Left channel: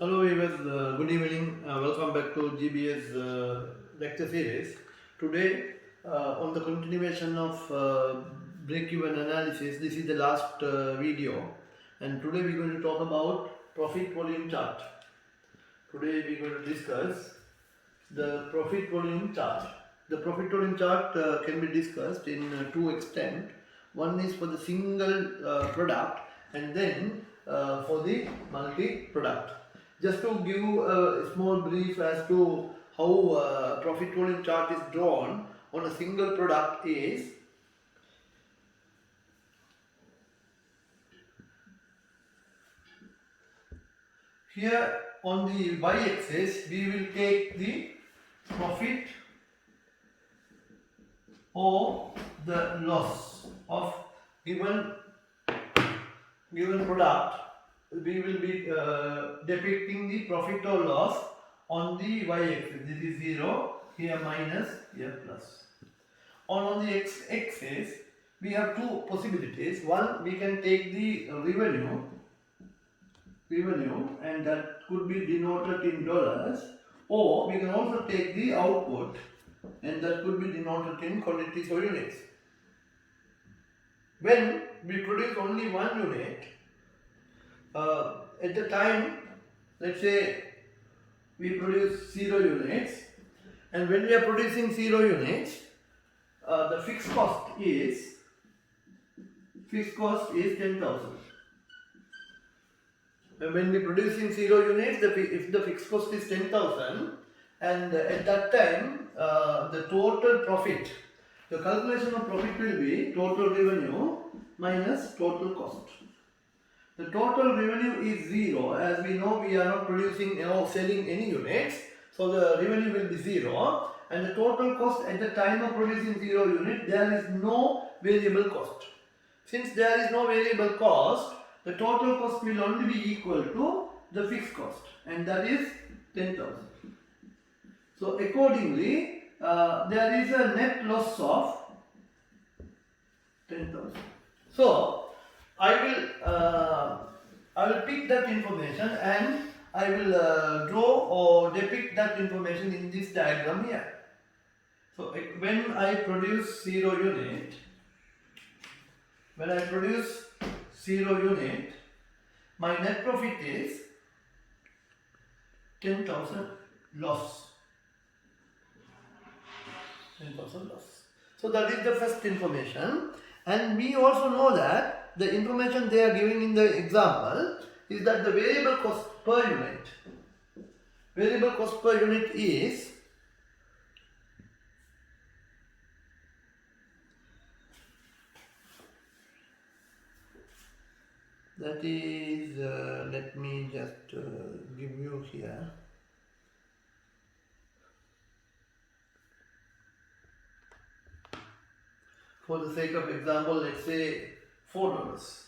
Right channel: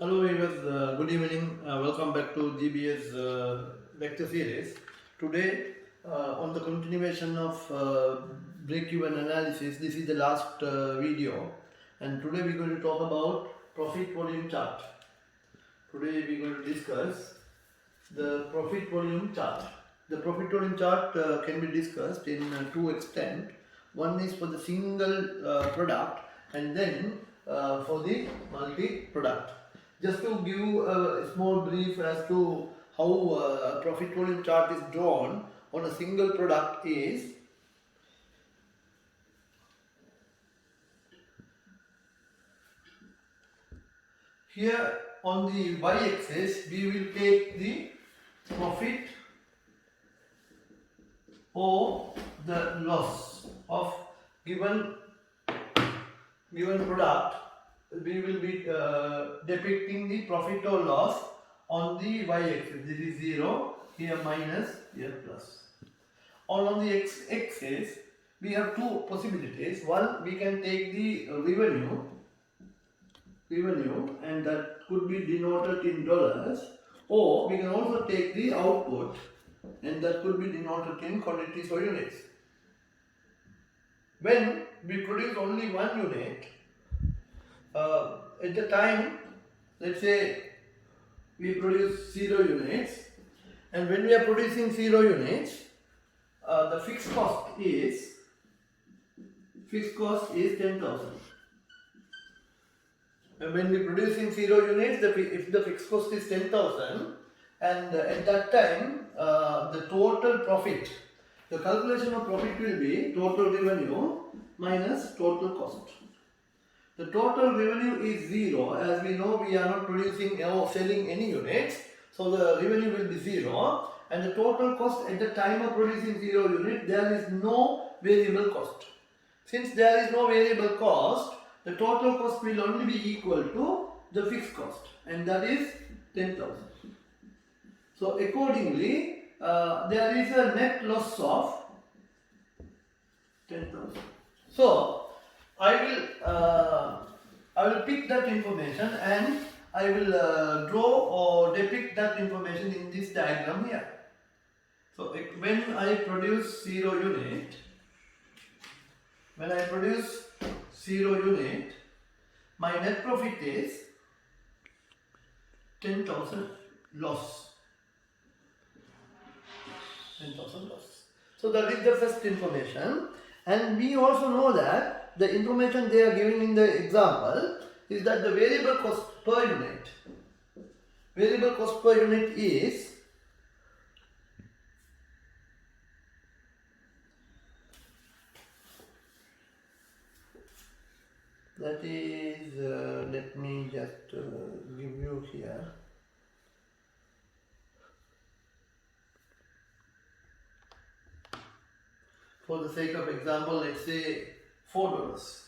Hello viewers, good evening. Welcome back to GBS lecture series. Today, on the continuation of break-even analysis, this is the last video, and today we're going to talk about profit volume chart. Today we're going to discuss the profit volume chart. The profit volume chart can be discussed in two extent. One is for the single product, and then for the multi-product. Just to give a small brief as to how profit volume chart is drawn on a single product is, here on the y-axis we will take the profit or the loss of given product. We will be depicting the profit or loss on the y-axis. This is 0, here minus, here plus. On the x-axis, we have two possibilities. One, we can take the revenue, and that could be denoted in dollars, or we can also take the output, and that could be denoted in quantities or units. When we produce only one unit, at the time, let's say we produce 0 units, and when we are producing 0 units, the fixed cost is 10,000. And when we are producing 0 units, if the fixed cost is 10,000, and at that time the total profit, the calculation of profit will be total revenue minus total cost. The total revenue is 0. As we know, we are not producing or selling any units, so the revenue will be 0. And the total cost at the time of producing 0 unit, there is no variable cost. Since there is no variable cost, the total cost will only be equal to the fixed cost, and that is 10,000. So accordingly, there is a net loss of 10,000. So I will pick that information and I will draw or depict that information in this diagram here. So when I produce 0 unit, my net profit is 10,000 loss. 10,000 loss. So that is the first information, and we also know that the information they are giving in the example is that the variable cost per unit is let me just give you here. For the sake of example, let's say $4.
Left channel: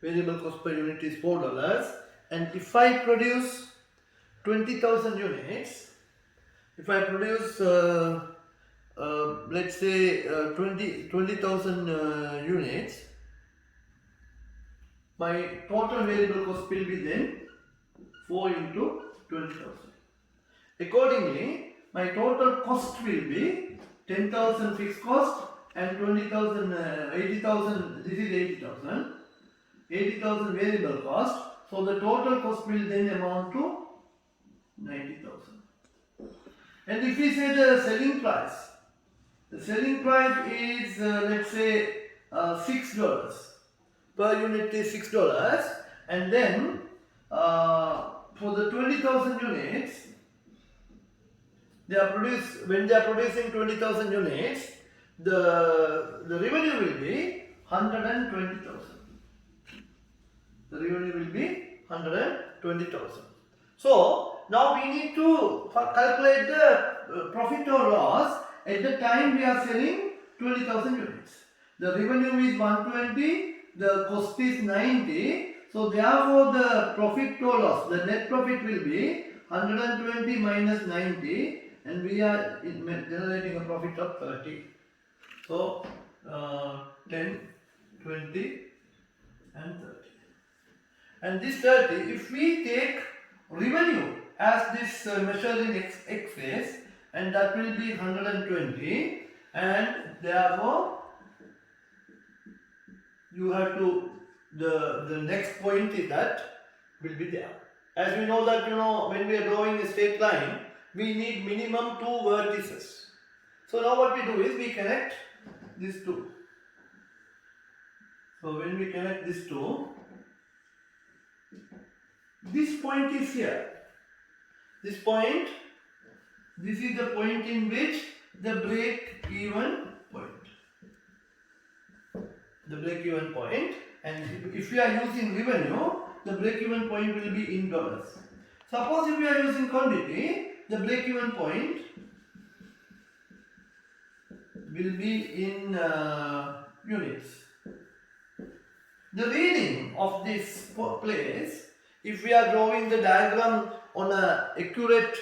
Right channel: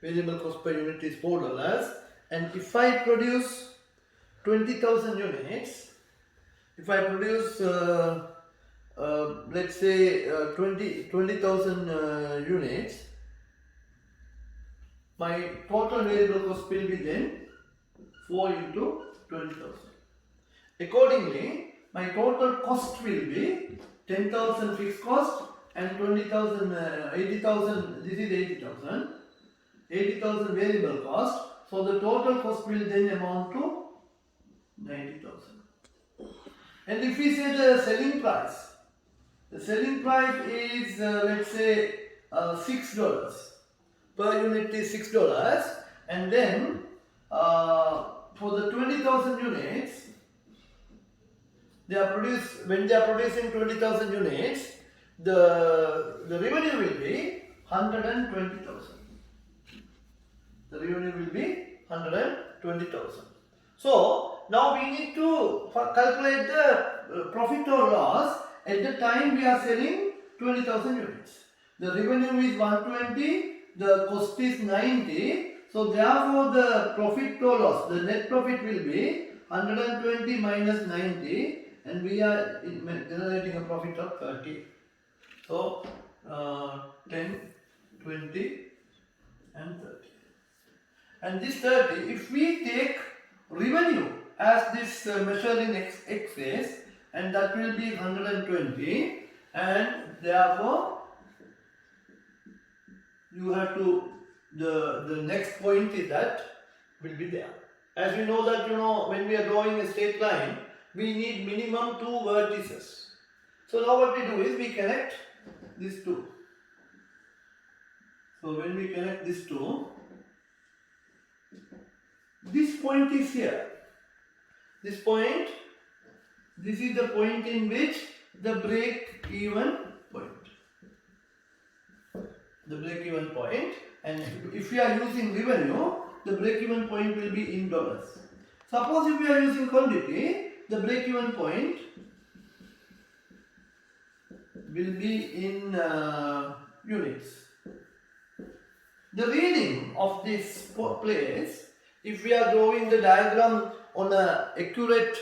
Variable cost per unit is $4, and if I produce 20,000 units, if I produce let's say 20,000 units, my total variable cost will be then 4 into 20,000. Accordingly, my total cost will be 10,000 fixed cost and 20,000, 80,000, this is 80,000, 80,000 variable cost. So the total cost will then amount to 90,000. And if we say the selling price is let's say $6 per unit is $6, and then for the 20,000 units, when they are producing 20,000 units, the revenue will be 120,000. The revenue will be 120,000. So now we need to calculate the profit or loss at the time we are selling 20,000 units. The revenue is 120, the cost is 90. So therefore the profit or loss, the net profit will be 120 minus 90, and we are generating a profit of 30. So 10, 20 and 30. and this 30, if we take revenue as this measure in axis, and that will be 120, and therefore you have to, the next point is that will be there. As we know that, when we are drawing a straight line, we need minimum 2 vertices. So now what we do is we connect these two. So when we connect these two, this point is here. This point, this is the point in which the break-even point. The break-even point, and if we are using revenue, the break-even point will be in dollars. Suppose if we are using quantity, the break-even point will be in units. The reading of this place, if we are drawing the diagram on an accurate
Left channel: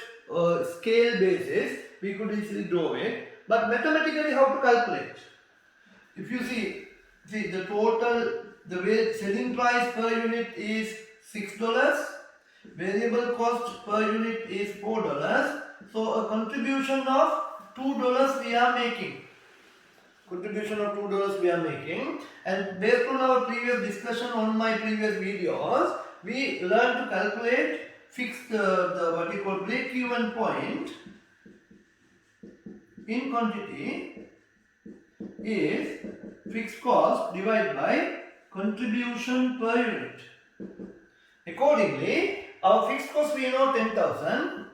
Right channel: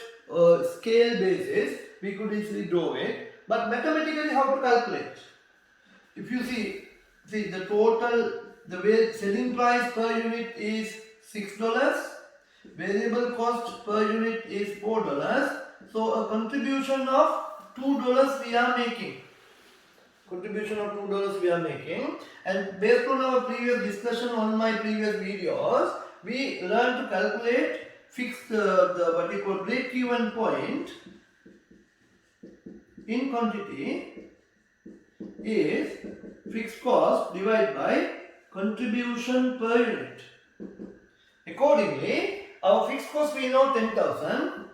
scale basis, we could easily draw it. But mathematically, how to calculate? If you see the total, the selling price per unit is $6, variable cost per unit is $4. So a contribution of $2 we are making. Contribution of $2 we are making, and based on our previous discussion on my previous videos, we learned to calculate the what we call break-even point in quantity is fixed cost divided by contribution per unit. Accordingly, our fixed cost we know 10,000,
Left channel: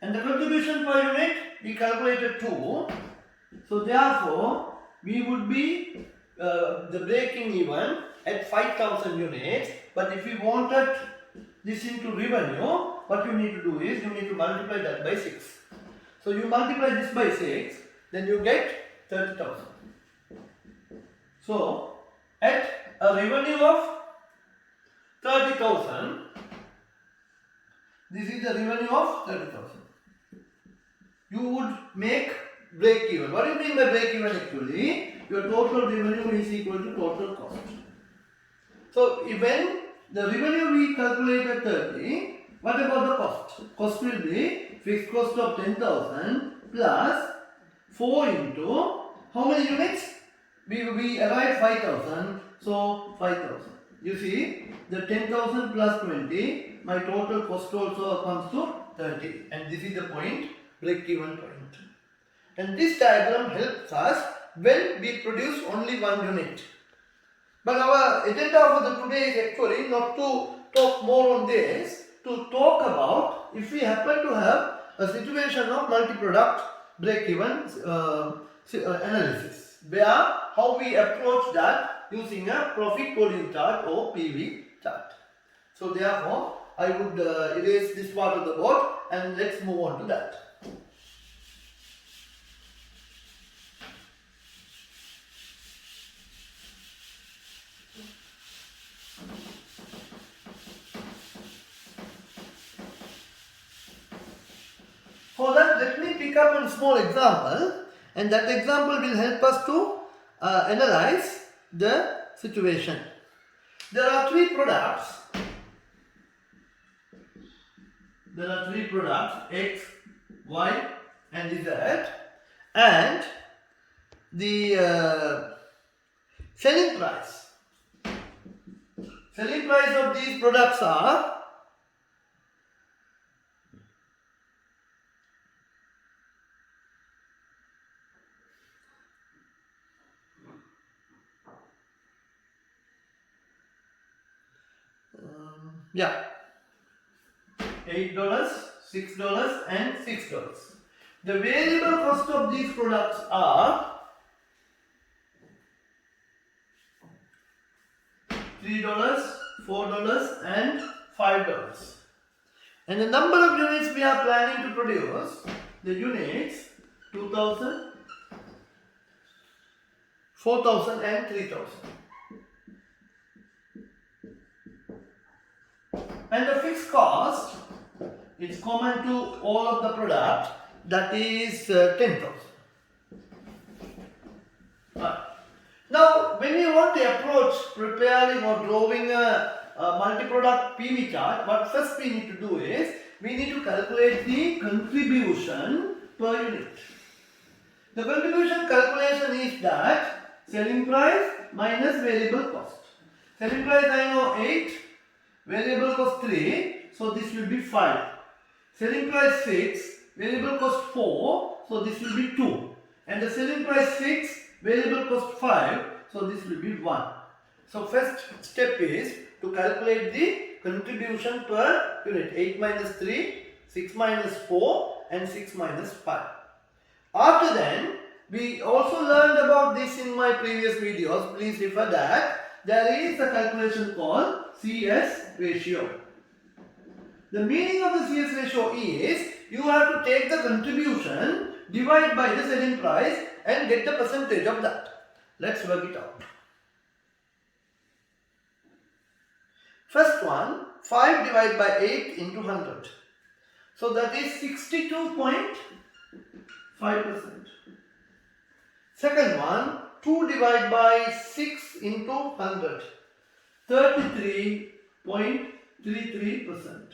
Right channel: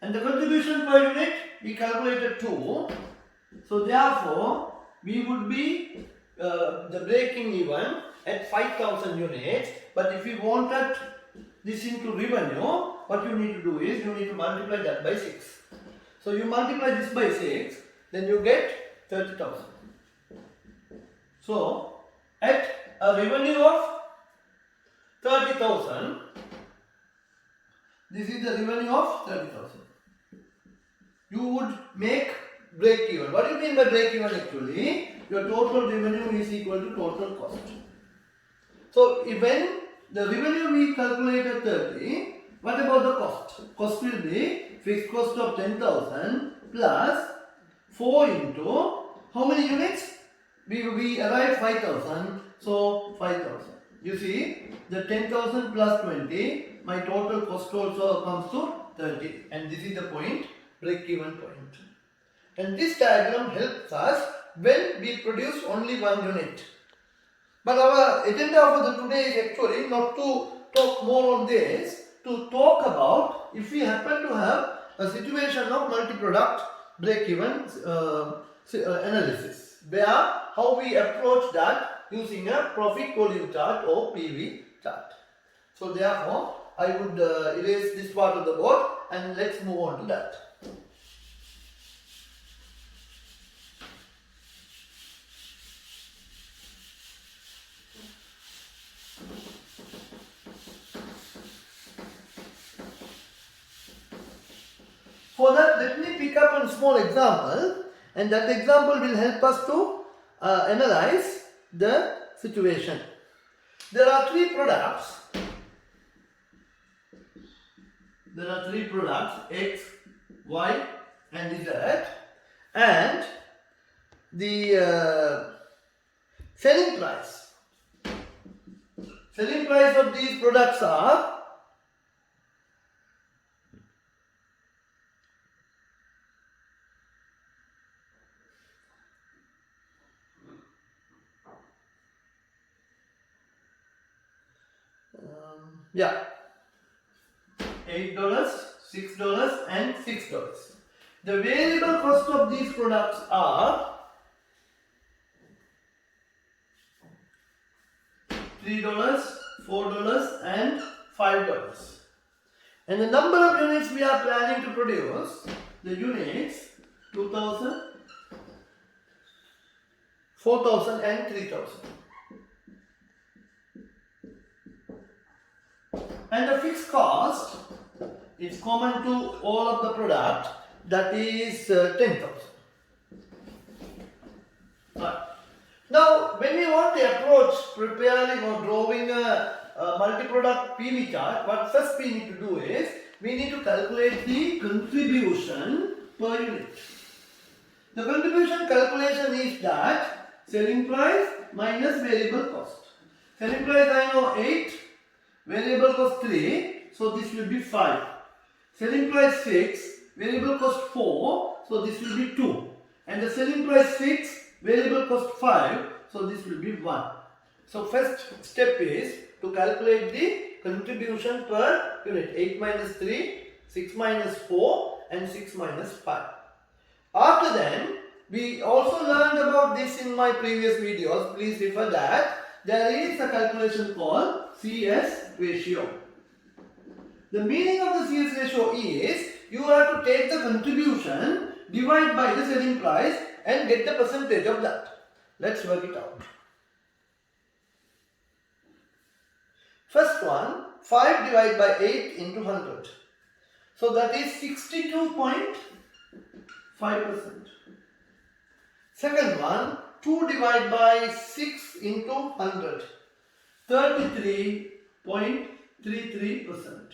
and the contribution per unit we calculated 2. So therefore, we would be the breaking even at 5,000 units. But if we wanted this into revenue, what you need to do is you need to multiply that by 6. So you multiply this by 6, then you get 30,000. So at a revenue of 30,000, this is the revenue of 30,000. You would make break even. What do you mean by break even actually? Your total revenue is equal to total cost. So when the revenue we calculated 30, what about the cost? Cost will be fixed cost of 10,000 plus 4 into how many units? We arrived 5,000, so 5,000. You see, the 10,000 plus 20, my total cost also comes to 30, and this is the point, break-even point. And this diagram helps us when we produce only 1 unit. But our agenda for the today is actually not to talk more on this, to talk about if we happen to have a situation of multi-product break-even analysis, where how we approach that using a profit volume chart or PV chart. So therefore, I would erase this part of the board and let's move on to that. For that, let me pick up a small example, and that example will help us to analyze the situation. There are 3 products. There are 3 products, X, Y and Z, and the selling price. Selling price of these products are $8, $6 and $6. The variable cost of these products are $3, $4 and $5. And the number of units we are planning to produce, the units 2,000, 4,000 and 3,000. And the fixed cost is common to all of the product, that is 10,000. Now, when we want to approach preparing or drawing a multi-product PV chart, what first we need to do is, we need to calculate the contribution per unit. The contribution calculation is that selling price minus variable cost. Selling price I know 8, variable cost 3, so this will be 5. Selling price 6, variable cost 4, so this will be 2. And the selling price 6, variable cost 5, so this will be 1. So first step is to calculate the contribution per unit. 8 minus 3, 6 minus 4 and 6 minus 5. After then, we also learned about this in my previous videos. Please refer that. There is a calculation called CS ratio. The meaning of the CS ratio is you have to take the contribution, divide by the selling price and get the percentage of that. Let's work it out. First one, 5 divided by 8 into 100. So that is 62.5%. Second one, 2 divided by 6 into 100. 33.33%.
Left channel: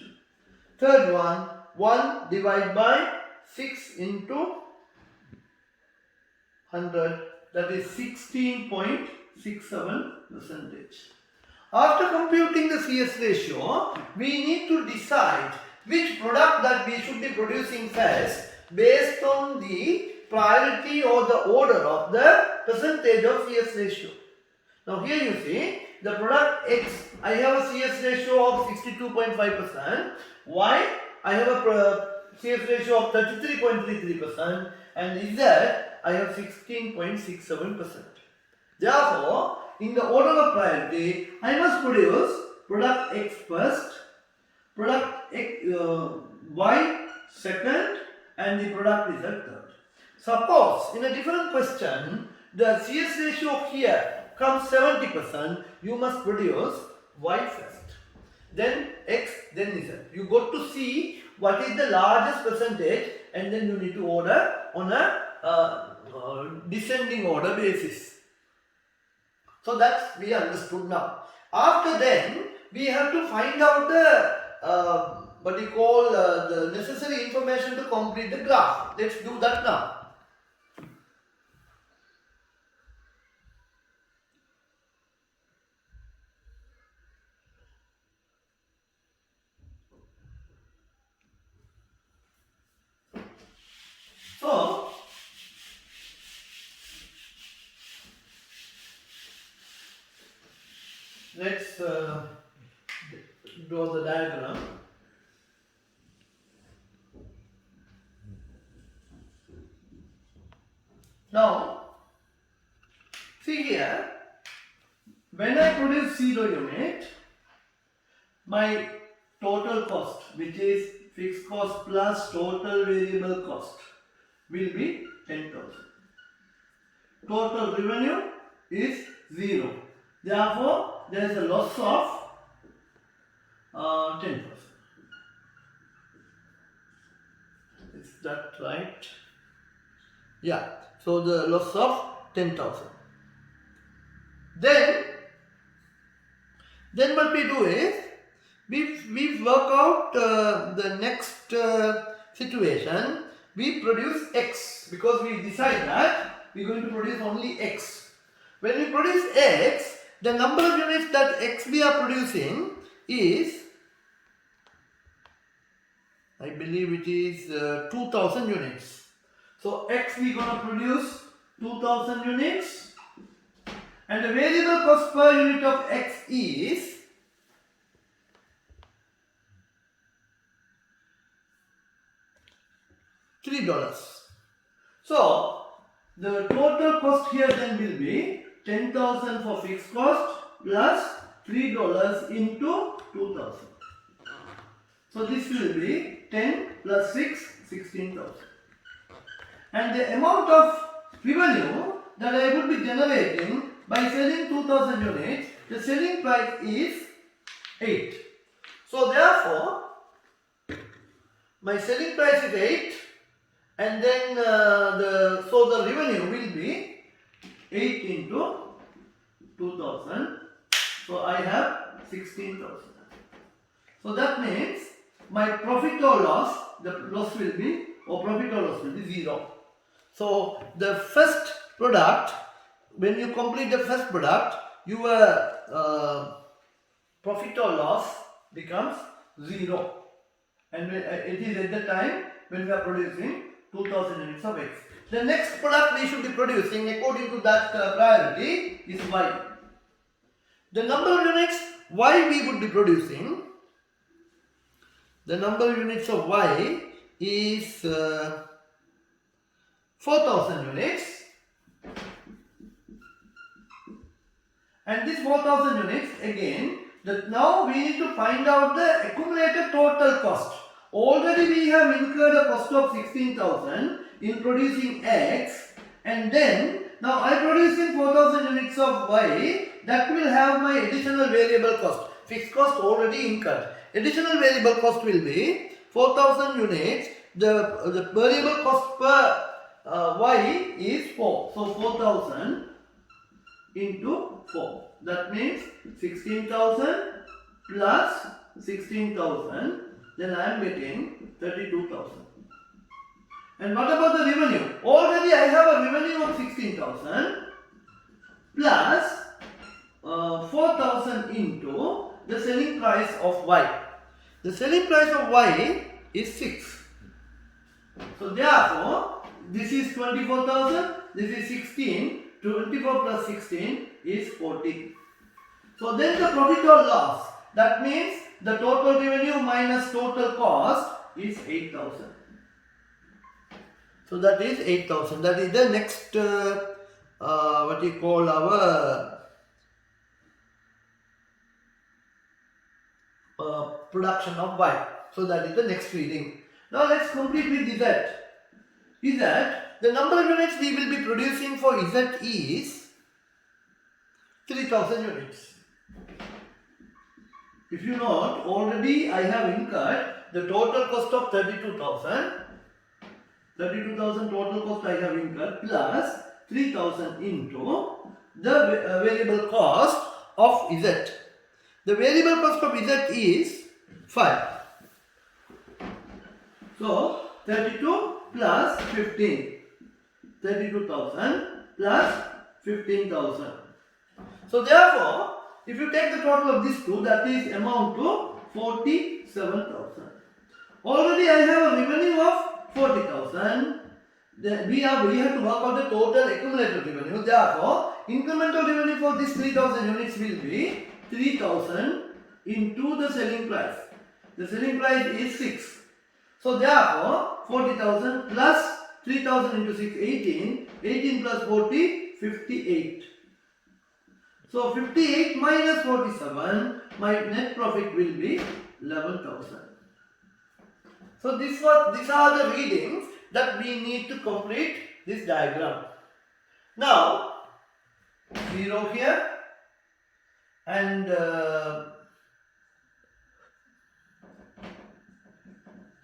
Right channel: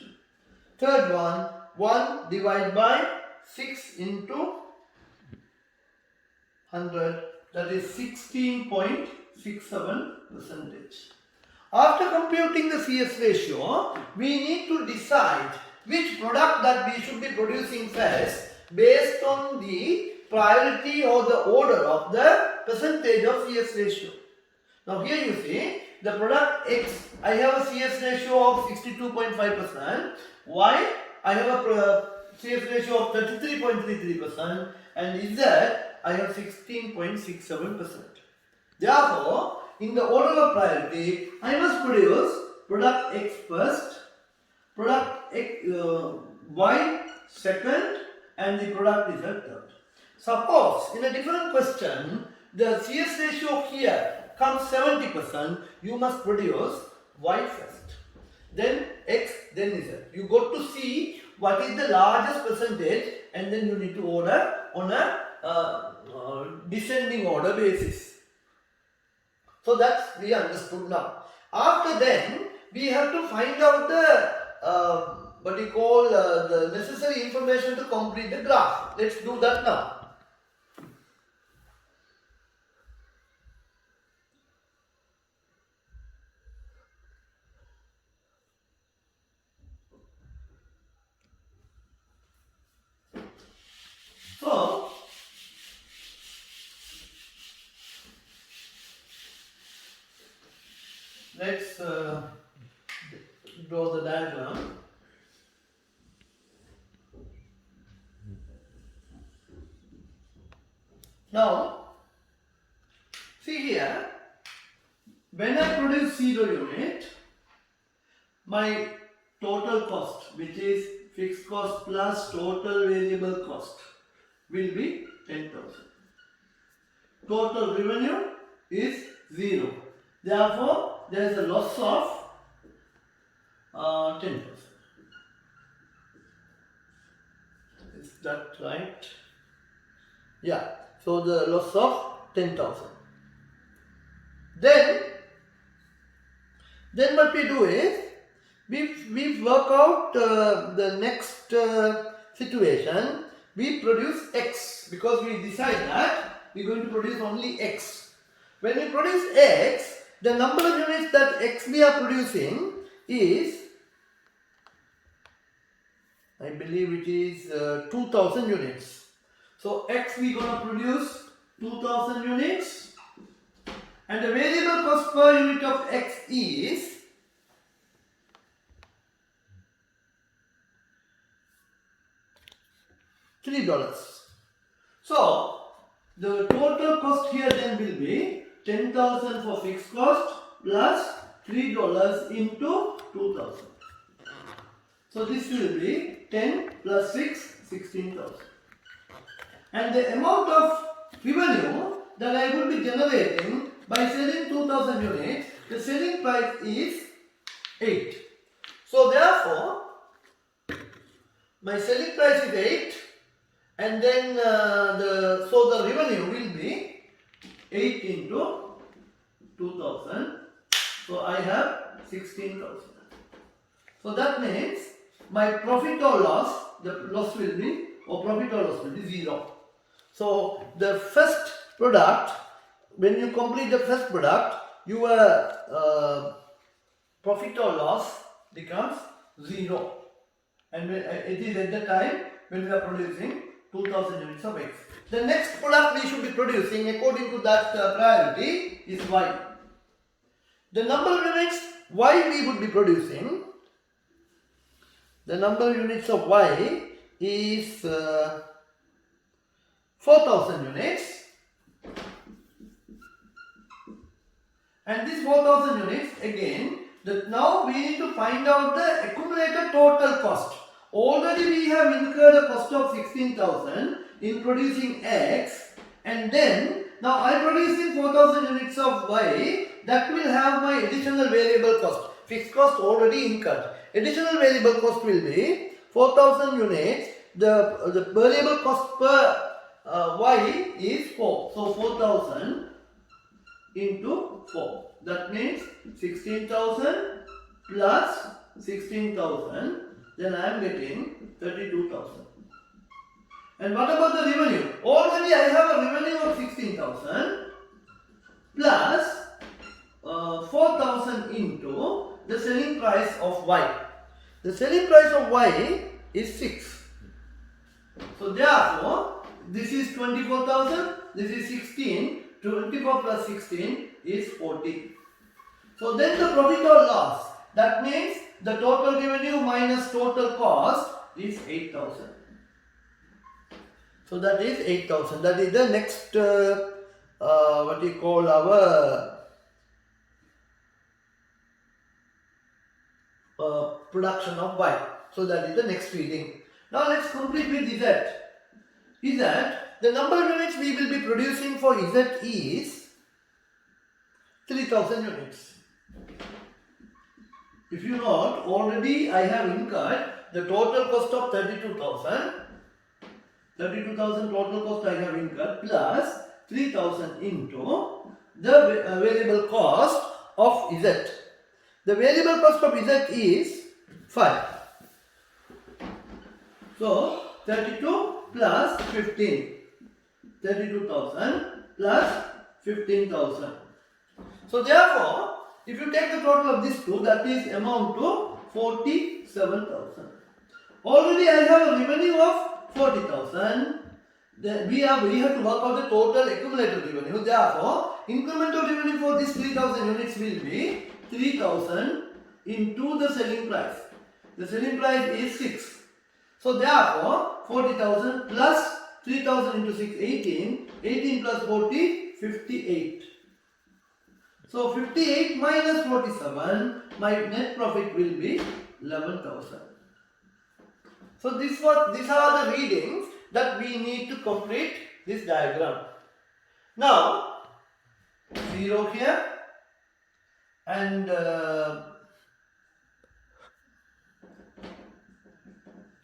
Third one, 1 divided by 6 into 100. That is 16.67%. After computing the CS ratio, we need to decide which product that we should be producing first based on the priority or the order of the percentage of CS ratio. Now here you see the product X, I have a CS ratio of 62.5%, Y, I have a CS ratio of 33.33%, and Z, I have 16.67%. Therefore, in the order of priority, I must produce product X first, product Y second, and the product Z third. Suppose in a different question, the CS ratio here comes 70%, you must produce Y first, then X, then Z. You got to see what is the largest percentage and then you need to order on a descending order basis. So that's we understood now. After then, we have to find out the the necessary information to complete the graph. Let's do that now. So, let's draw the diagram. Now, see here, when I produce 0 unit, my total cost, which is fixed cost plus total variable cost, will be 10,000. Total revenue is 0. Therefore, there is a loss of 10,000. Is that right? Yeah. So the loss of 10,000. Then what we do is we work out the next situation. We produce X because we decide that we are going to produce only X. When we produce X, the number of units that X we are producing is, I believe it is 2000 units. So X we going to produce 2000 units, and the variable cost per unit of X is $3. So the total cost here then will be 10,000 for fixed cost plus $3 into 2000. So this will be 10 plus 6, 16,000. And the amount of revenue that I will be generating by selling 2000 units, the selling price is 8. So therefore, my selling price is 8, and then the revenue will be 8 into 2000, So I have 16,000. So that means my profit or loss, the loss will be, or profit or loss will be 0. So the first product, when you complete the first product, your profit or loss becomes 0. And it is at the time when we are producing 2000 units of X. The next product we should be producing according to that priority is Y. The number of units Y we would be producing, the number of units of Y is 4000 units, and this 4000 units again, now we need to find out the accumulated total cost. Already we have incurred a cost of 16,000 in producing X, and then now I am producing 4000 units of Y. That will have my additional variable cost. Fixed cost already incurred. Additional variable cost will be 4000 units. The variable cost per Y is 4. So 4000 into 4. That means 16,000 plus 16,000. Then I am getting 32,000. And what about the revenue? Already I have a revenue of 16,000 plus 4,000 into the selling price of Y. The selling price of Y is 6. So therefore, this is 24,000, this is 16, 24 plus 16 is 40. So then the profit or loss, that means the total revenue minus total cost is 8,000. So that is 8,000. That is the next what you call our production of Y. So that is the next reading. Now let's complete with Z. Z, the number of units we will be producing for Z is 3000 units. If you note, already I have incurred the total cost of 32,000. 32,000 total cost I have incurred plus 3,000 into the variable cost of Z. The variable cost of Z is 5. So 32 plus 15. 32,000 plus 15,000. So therefore, if you take the total of these two, that is amount to 47,000. Already I have a revenue of 40,000. Then we have to work out the total accumulated revenue. Therefore, incremental revenue for this 3,000 units will be 3,000 into the selling price. The selling price is 6. So therefore, 40,000 plus 3,000 into 6, 18. 18 plus 40, 58. So 58 minus 47, my net profit will be 11,000. So these are the readings that we need to complete this diagram. Now 0 here and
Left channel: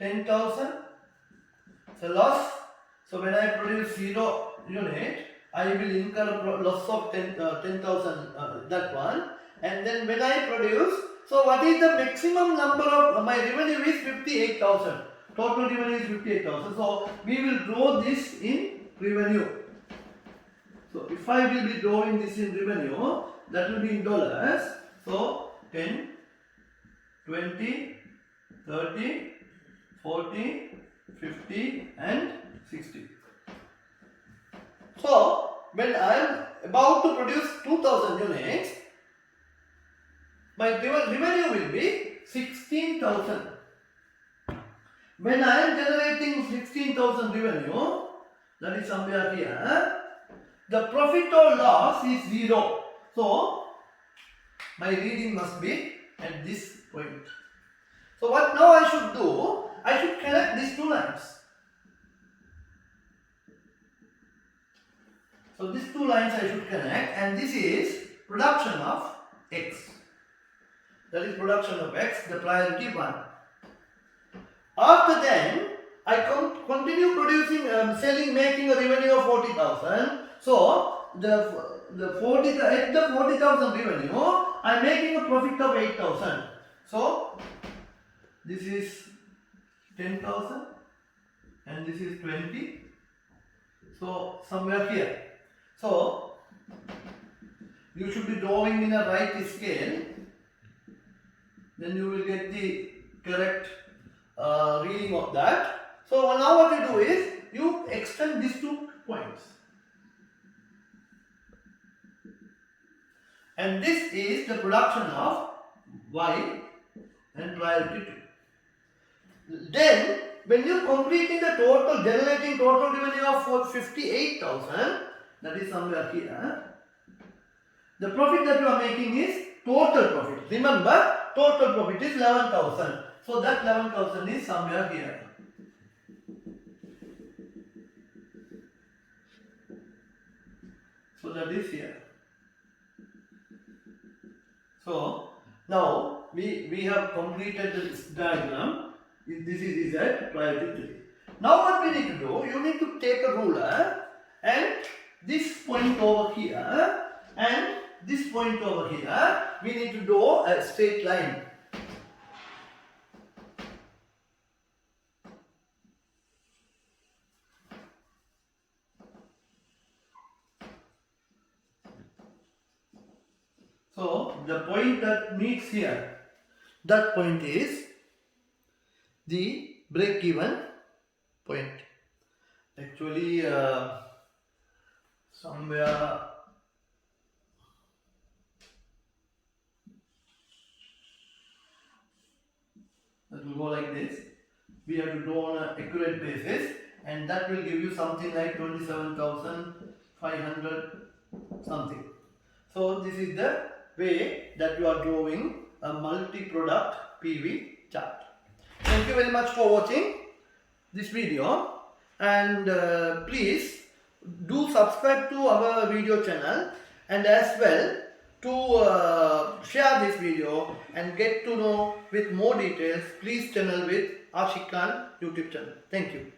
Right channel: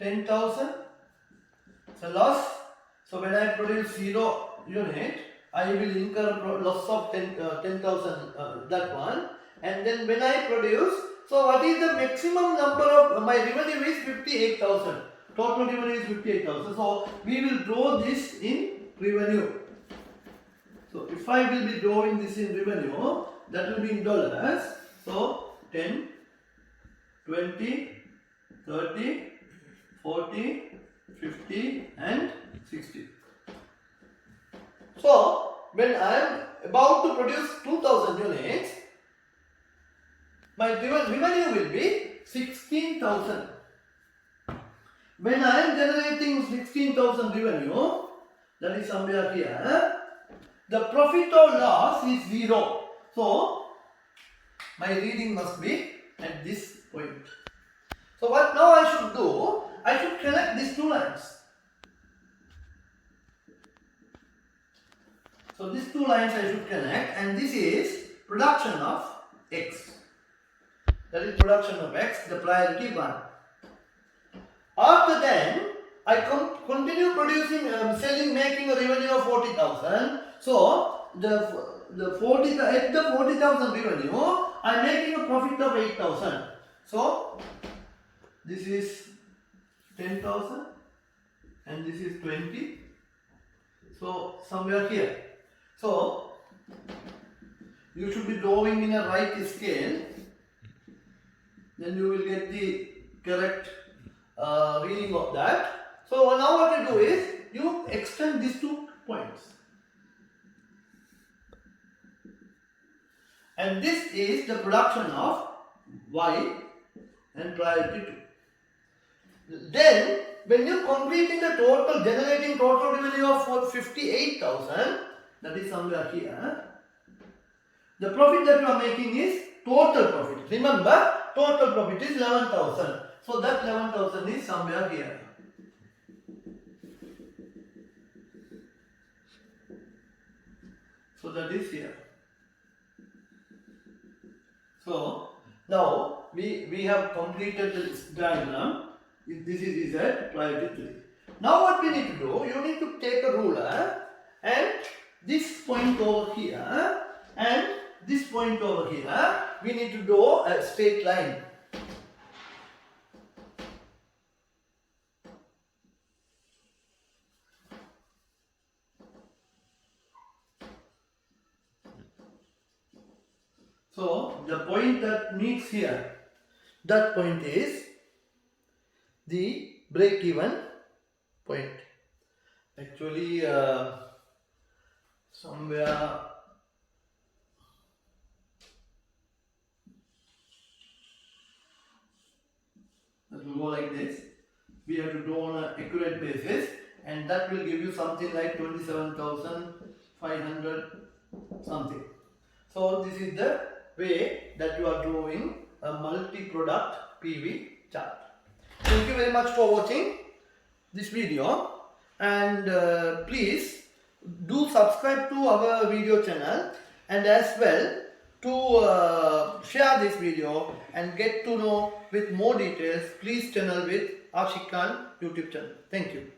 10,000. It's a loss. So when I produce 0 unit, I will incur a loss of 10,000 that one. And then when I produce, so what is the maximum number of my revenue is 58,000. Total revenue is 58,000. So we will draw this in revenue. So if I will be drawing this in revenue, that will be in dollars. So 10, 20, 30, 40, 50 and 60. So when I am about to produce 2000 units, my revenue will be 16,000. When I am generating 16,000 revenue, that is somewhere here, the profit or loss is 0. So my reading must be at this point. So what now I should do? I should connect these two lines. So these two lines I should connect, and this is production of X. That is production of X, the priority 1. After then, I continue producing, selling, making a revenue of 40,000. So the 40,000 revenue, I am making a profit of 8,000. So this is 10,000 and this is 20. So somewhere here. So you should be drawing in a right scale. Then you will get the correct reading of that. So now what you do is you extend these 2 points. And this is the production of Y and priority 2. Then when you completing the total, generating total revenue of 58,000, that is somewhere here, the profit that you are making is total profit. Remember, total profit is 11,000. So that 11,000 is somewhere here. So that is here. So now we have completed this diagram. This is Z, priority 3. Now what we need to do, you need to take a ruler and this point over here and this point over here, we need to draw a straight line. So the point that meets here, that point is the break-even point. Actually, somewhere that will go like this. We have to draw on an accurate basis, and that will give you something like 27,500 something. So this is the way that you are drawing a multi-product PV chart. Thank you very much for watching this video, and please do subscribe to our video channel, and as well to share this video and get to know with more details. Please channel with Ashik Khan YouTube channel. Thank you.